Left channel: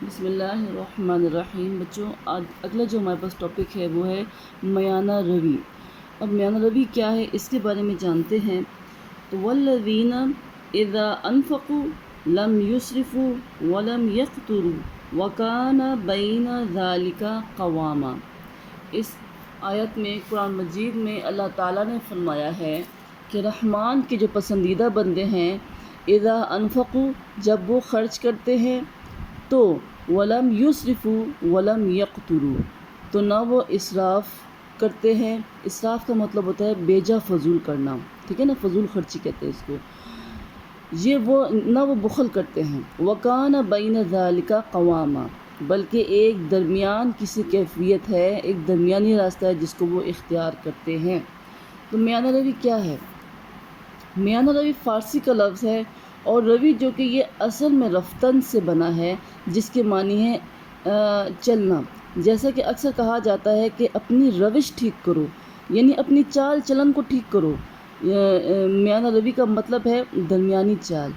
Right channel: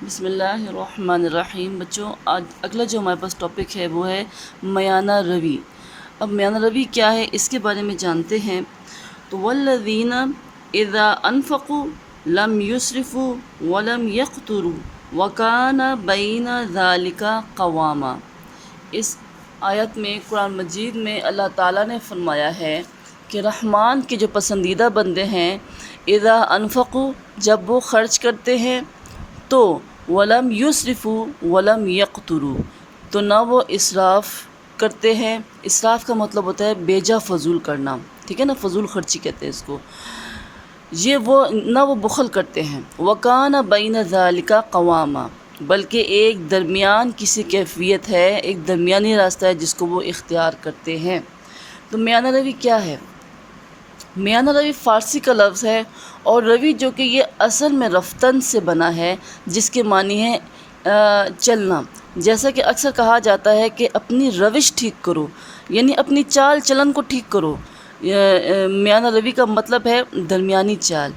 بسم اللہ الرحمن الرحیم۔ بچوں، آج اگلا جو ہمارے پاس ٹاپک ہے وہ ہے میانہ روی۔ اب میانہ روی کیا ہے اس کے بارے میں جانتے ہیں۔ تو والذین اذا انفقوا لم یسرفوا ولم یقتروا وکان بین ذلک قواما۔ اس آیت میں قرآن مجید میں اللہ تعالیٰ نے فرمایا ہے کہ رحمان کے جو پسندیدہ بندے ہیں، اذا انفقوا، جب وہ خرچ کرتے ہیں تو ولم یسرفوا ولم یقتروا، تو نہ وہ اسراف کرتے ہیں۔ اسراف کا مطلب ہوتا ہے بیجا فضول کرنا، ٹھیک ہے نا، فضول خرچی کہتے ہیں اس کو۔ نہ وہ بخل کرتے ہیں۔ وکان بین ذالک قواما، بلکہ ایک درمیان کسی کیفیت ہے، ایک درمیانی راستہ ہے جس کو وہ اختیار کرتے ہیں۔ تو میانہ روی کیا ہے؟ میانہ روی فارسی کا لفظ ہے، اور روی جو کہ یہ اصل میں رفتن سے بنا ہے، جس کے معنی ہے چلنا۔ جیسا کہ اکثر کہا جاتا ہے کہ اپنی روش ٹھیک کرو، یعنی اپنی چال چلن کو ٹھیک کرو۔ میانہ روی کا مطلب ہے درمیانی چال،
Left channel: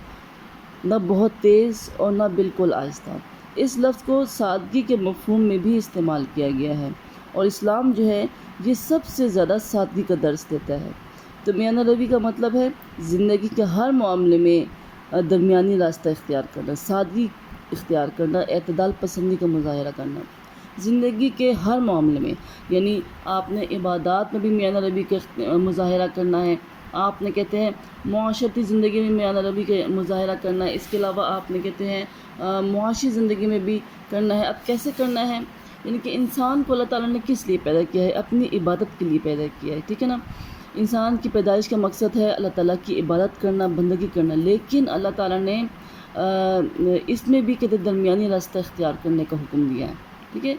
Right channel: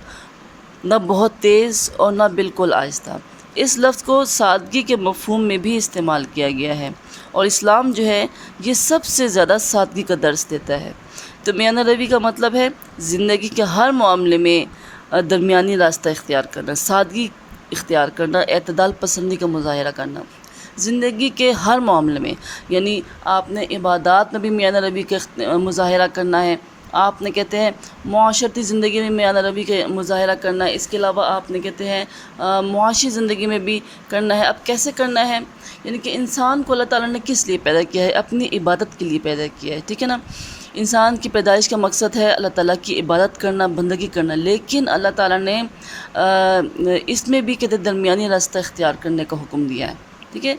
نہ بہت تیز اور نہ بالکل آہستہ۔ اس لفظ کو سادگی کے مفہوم میں بھی استعمال کیا گیا ہے، اور اسلام جو ہے یہ سب سے زیادہ سادگی کا درس دیتا ہے۔ تو میانہ روی کا مطلب ہے زندگی کے ہر معاملے میں درمیانی راستہ اختیار کرنا، سادگی اختیار کرنا، اعتدال پسندی کا مظاہرہ کرنا زندگی کے ہر معاملے میں۔ یعنی آپ نے عبادات میں بھی میانہ روی کا مظاہرہ کرنا ہے، آپ نے کہتے ہیں معاشرتی زندگی میں میانہ روی کا مظاہرہ کرنا ہے، اس کے علاوہ آپ نے کہتے ہیں معاشی زندگی میں بھی کرنا ہے۔ اب کیسے کرنا ہے؟ یعنی کہ انسان کو اللہ تعالیٰ نے کس لیے پیدا کیا ہے؟ اپنی عبادت کے لیے پیدا کیا ہے، ٹھیک ہے نا۔ انسان کی پیدائش کا مقصد ہے اللہ تعالیٰ کی عبادت کرنا، بندگی کرنا، لیکن اللہ تعالیٰ نے اس میں بھی کہتے درمیانی راستہ اختیار کرنے کا حکم دیا ہے، ٹھیک ہے۔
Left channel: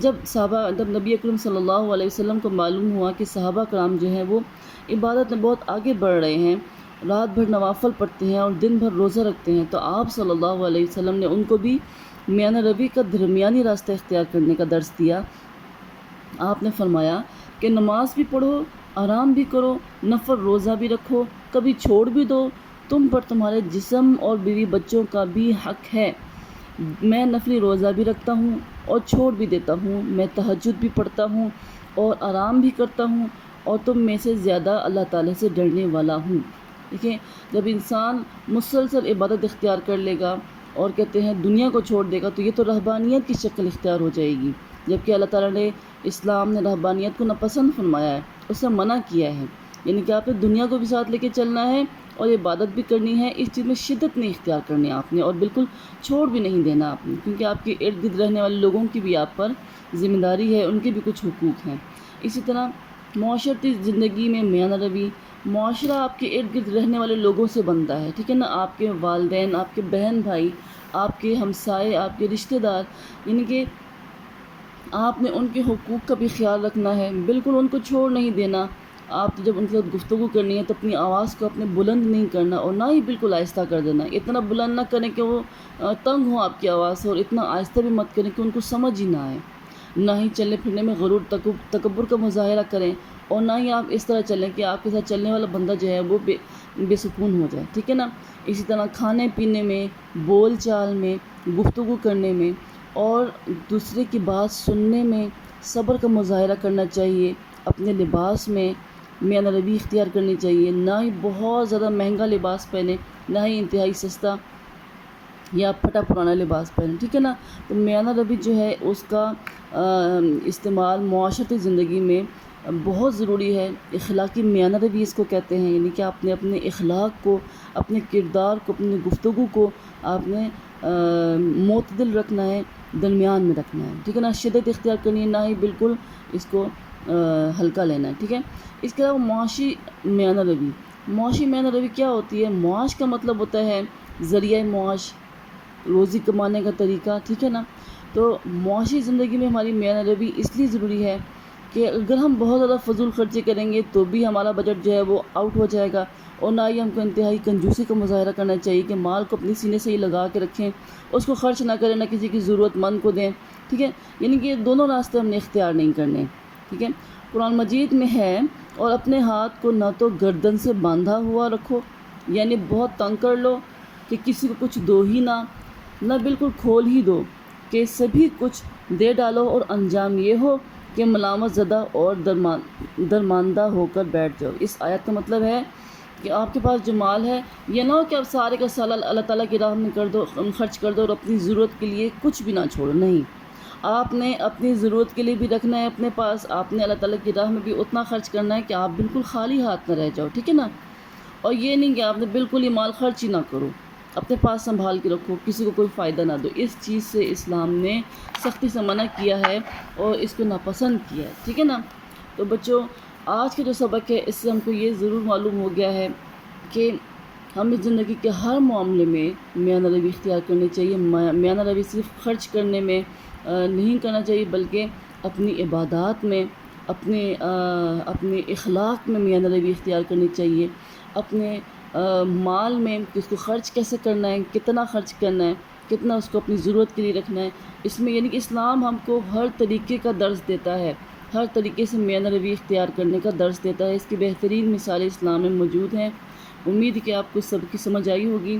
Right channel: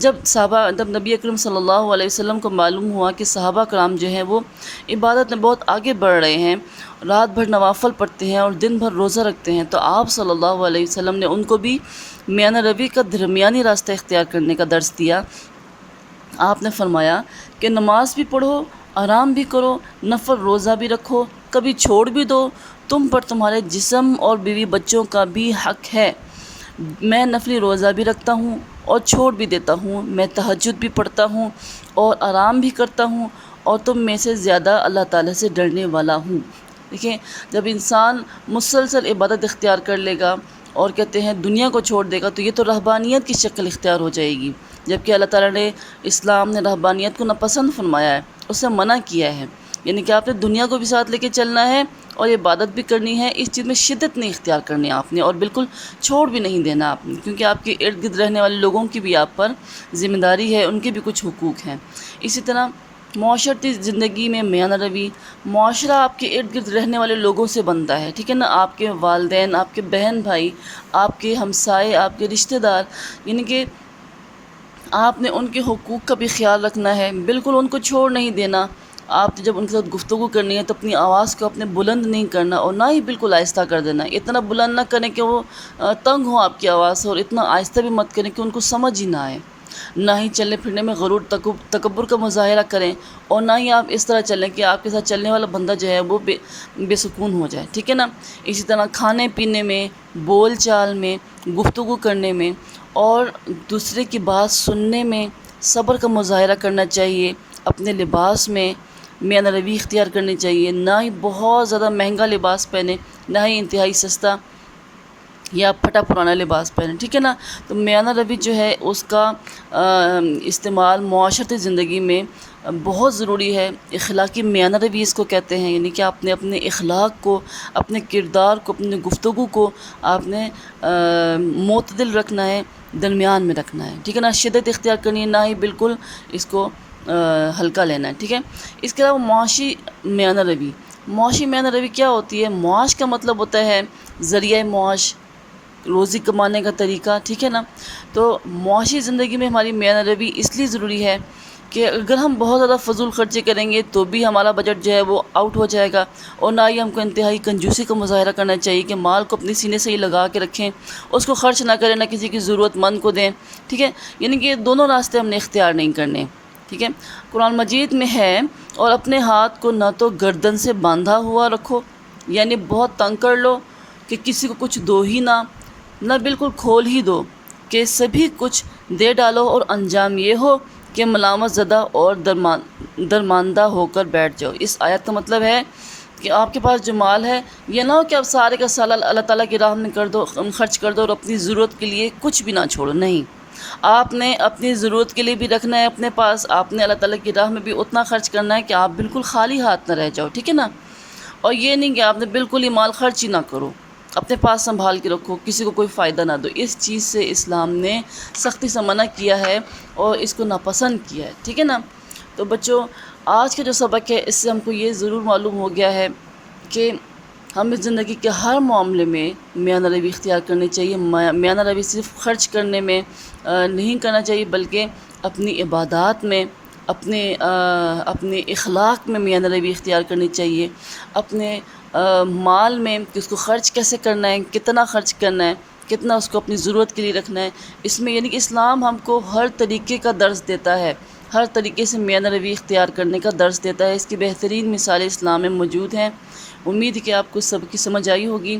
جب نبی اکرم صلی اللہ علیہ وسلم کو معلوم ہوا کہ صحابہ کرام جو ہیں وہ عبادت میں بہت آگے بڑھ رہے ہیں، رات بھر نوافل پڑھتے ہیں اور دن بھر روزہ رکھتے ہیں، تو آپ صلی اللہ علیہ وسلم نے ان کو بھی میانہ روی کا درمیانی راستہ اختیار کرنے کا درس دیا۔ آپ نے فرمایا کہ نماز بھی پڑھو، آرام بھی کرو، نفل روزہ بھی رکھو، کبھی چھوڑ بھی دو، تم پر تمہارے جسم اور بیوی بچوں کا بھی حق ہے۔ میں نفلی روزہ بھی رکھتا ہوں اور چھوڑ بھی دیتا ہوں، میں تہجد بھی پڑھتا ہوں اور آرام بھی کرتا ہوں، اور تم میں سے زیادہ اللہ تعالیٰ سے ڈرنے والا ہوں۔ دیکھیں، جب انسان مسلسل عبادت اختیار کر لے گا اور کہتے ہیں دنیا کو چھوڑ دے گا، تو یہ تو رہبانیت کی شکل اختیار ہو جائے گی، جبکہ اللہ تعالیٰ نے اسلام نے رہبانیت کو ناپسند فرمایا ہے، اسے منع کیا ہے۔ یعنی کہ آپ نے دنیا کو بھی ساتھ لے کے چلنا ہے اور عبادت بھی کرنی ہے، اس چیز میں شدت نہیں اختیار کرنی آپ نے، اور بالکل چھوڑ بھی نہیں دینا آپ نے، کیونکہ آپ کے ارد گرد رہنے والے لوگوں کی بھی آپ پر ذمہ داری ہے، ان کے بھی کچھ حقوق ہیں۔ اسی طرح معاشرتی زندگی میں میانہ روی، معاشرہ آپ کے ارد گرد رہنے والے لوگوں سے بنتا ہے، ٹھیک ہے نا۔ آپ کے والدین، آپ کے بہن بھائی، آپ کے ہمسائے، آپ کے رشتہ دار، یعنی کہ آپ نے ان کے حقوق کا بھی خیال رکھنا ہے، بالکل ان کو چھوڑ نہیں دینا۔ آپ جب ان کے ساتھ گفتگو کرنی ہے تو اپنی آواز کو اپنے بلند نہیں کرنا، اور نہ ہی بالکل آہستہ کر دینا۔ اتنا بلند نہ کریں کہ وہ تنگ ہو آپ کی آواز سے، اور اتنا آہستہ بھی مت کریں کہ ان کو سمجھ ہی نہ آئے۔ نہ ہی چلنے پھرنے میں غرور تکبر کا مظاہرہ کریں، اور نہ ہی آپ اس طرح چلیں کہ آپ کے ساتھ چلنے والا بندہ جو ہے وہ بے سکون ہو جائے، ٹھیک ہے نا۔ اسی طرح کھانے پینے میں، بول چال میں، گفتگو کرنے میں اور دوسرے کی بات سننے میں صبر کا مظاہرہ کرنا چاہیے۔ اپنے لباس میں میانہ روی اختیار کرنی چاہیے، نہ ہی بہت زیادہ مہنگا لباس پہنے، نہ ہی انتہائی سستا یا پھٹا پرانا لباس پہنے، ٹھیک ہے نا۔ تو میانہ روی جو ہے اس کا استعمال معاشرتی زندگی میں بہت ضروری ہے۔ اخلاقی میانہ روی اس کو کہتے ہیں، یعنی کہ آپ نے اپنے اخلاق کو، اپنے کردار کو، اپنے گفتگو کو آپ نے معتدل رکھنا ہے، درمیان میں رکھنا ہے، ٹھیک ہے نا۔ شدت اختیار کرنی ہے، نہ ہی بالکل اس کو ہلکا لینا ہے، ٹھیک ہے۔ اس کے علاوہ معاشی میانہ روی، معاشی میانہ روی کیا ہوتی ہے؟ معاش کا مطلب ہوتا ہے ذریعہ معاش، روزی کمانے کا طریقہ، ٹھیک ہے نا۔ تو معاشی زندگی میں ہماری میانہ روی اس لیے ضروری ہے کہ اگر ہم بہت زیادہ فضول خرچی کریں گے تو بھی ہمارا بجٹ جو ہے وہ آؤٹ ہو جائے گا، اور نہ ہی ہم کو انتہائی کنجوسی کا مظاہرہ کرنا چاہیے کہ مال کو اپنی سینے سے ہی لگا کے رکھیں، اس کو خرچ نہ کریں، نہ کسی کی ضرورت مند کو دیں، ٹھیک ہے۔ یعنی کہ دونوں راستے ہم نے اختیار نہیں کرنے، ٹھیک ہے۔ قرآن مجید میں ہے، اور اپنے ہاتھ کو نہ تو گردن سے باندھا ہوا رکھو، یعنی بہت تنگ کر لو کہ کسی کو کچھ دو ہی نہ بالکل کھول ہی دو، کہ سبھی کچھ دے ڈالو اور انجام یہ ہو کہ ملامت زدہ اور درماندہ ہو کر بیٹھ جاؤ۔ اس آیت کا مطلب ہے کہ آپ کے پاس جو مال ہے یہ نہ ہو کہ آپ سارے کا سارا اللہ تعالیٰ کی راہ میں خرچ کر دو اور اپنی ضرورت کے لیے کچھ بھی نہ چھوڑو۔ نہیں، آپ نے اپنی ضرورت کے لیے بھی رکھنا ہے اپنے پاس، آپ نے اللہ تعالیٰ کی راہ میں بھی اتنا خرچ کرنا ہے کہ آپ بالکل خالی ہاتھ نہ رہ جاؤ، ٹھیک ہے نا۔ اور یہ نہیں کہ آپ نے بالکل ہی مال خرچ ہی نہ کرو، اپنے پاس سنبھال کے رکھو، کسی کو کوئی فائدہ نہ دو۔ اس چیز سے اسلام نے سختی سے منع کیا ہے اور اس کو ناپسند کیا ہے، ٹھیک ہے نا۔ تو بچوں، آج کا جو سبق ہے اس سے ہم کو یہ ضرور معلوم ہو گیا ہے کہ ہمیں زندگی کے ہر معاملے میں میانہ روی اختیار کرنی چاہیے۔ میانہ روی صرف خرچ کرنے میں نہیں کرنا چاہیے، بلکہ اپنی عبادات میں، اپنے اخلاق میں میانہ روی اختیار کرنی چاہیے، اپنے مال میں کہ اس کو خرچ کیسے کرنا ہے، کتنا خرچ کرنا ہے، کتنا اس کو اپنی ضرورت کے لیے رکھنا ہے۔ اس میں یعنی کہ اسلام ہم کو ہر طریقے کا درس دیتا ہے، ہر طریقے سے میانہ روی اختیار کرنے کا درس دیتا ہے۔ اس کی بہترین مثالیں اسلام میں موجود ہیں۔ امید ہے کہ آپ کو سب کی سمجھ آئی ہوگی۔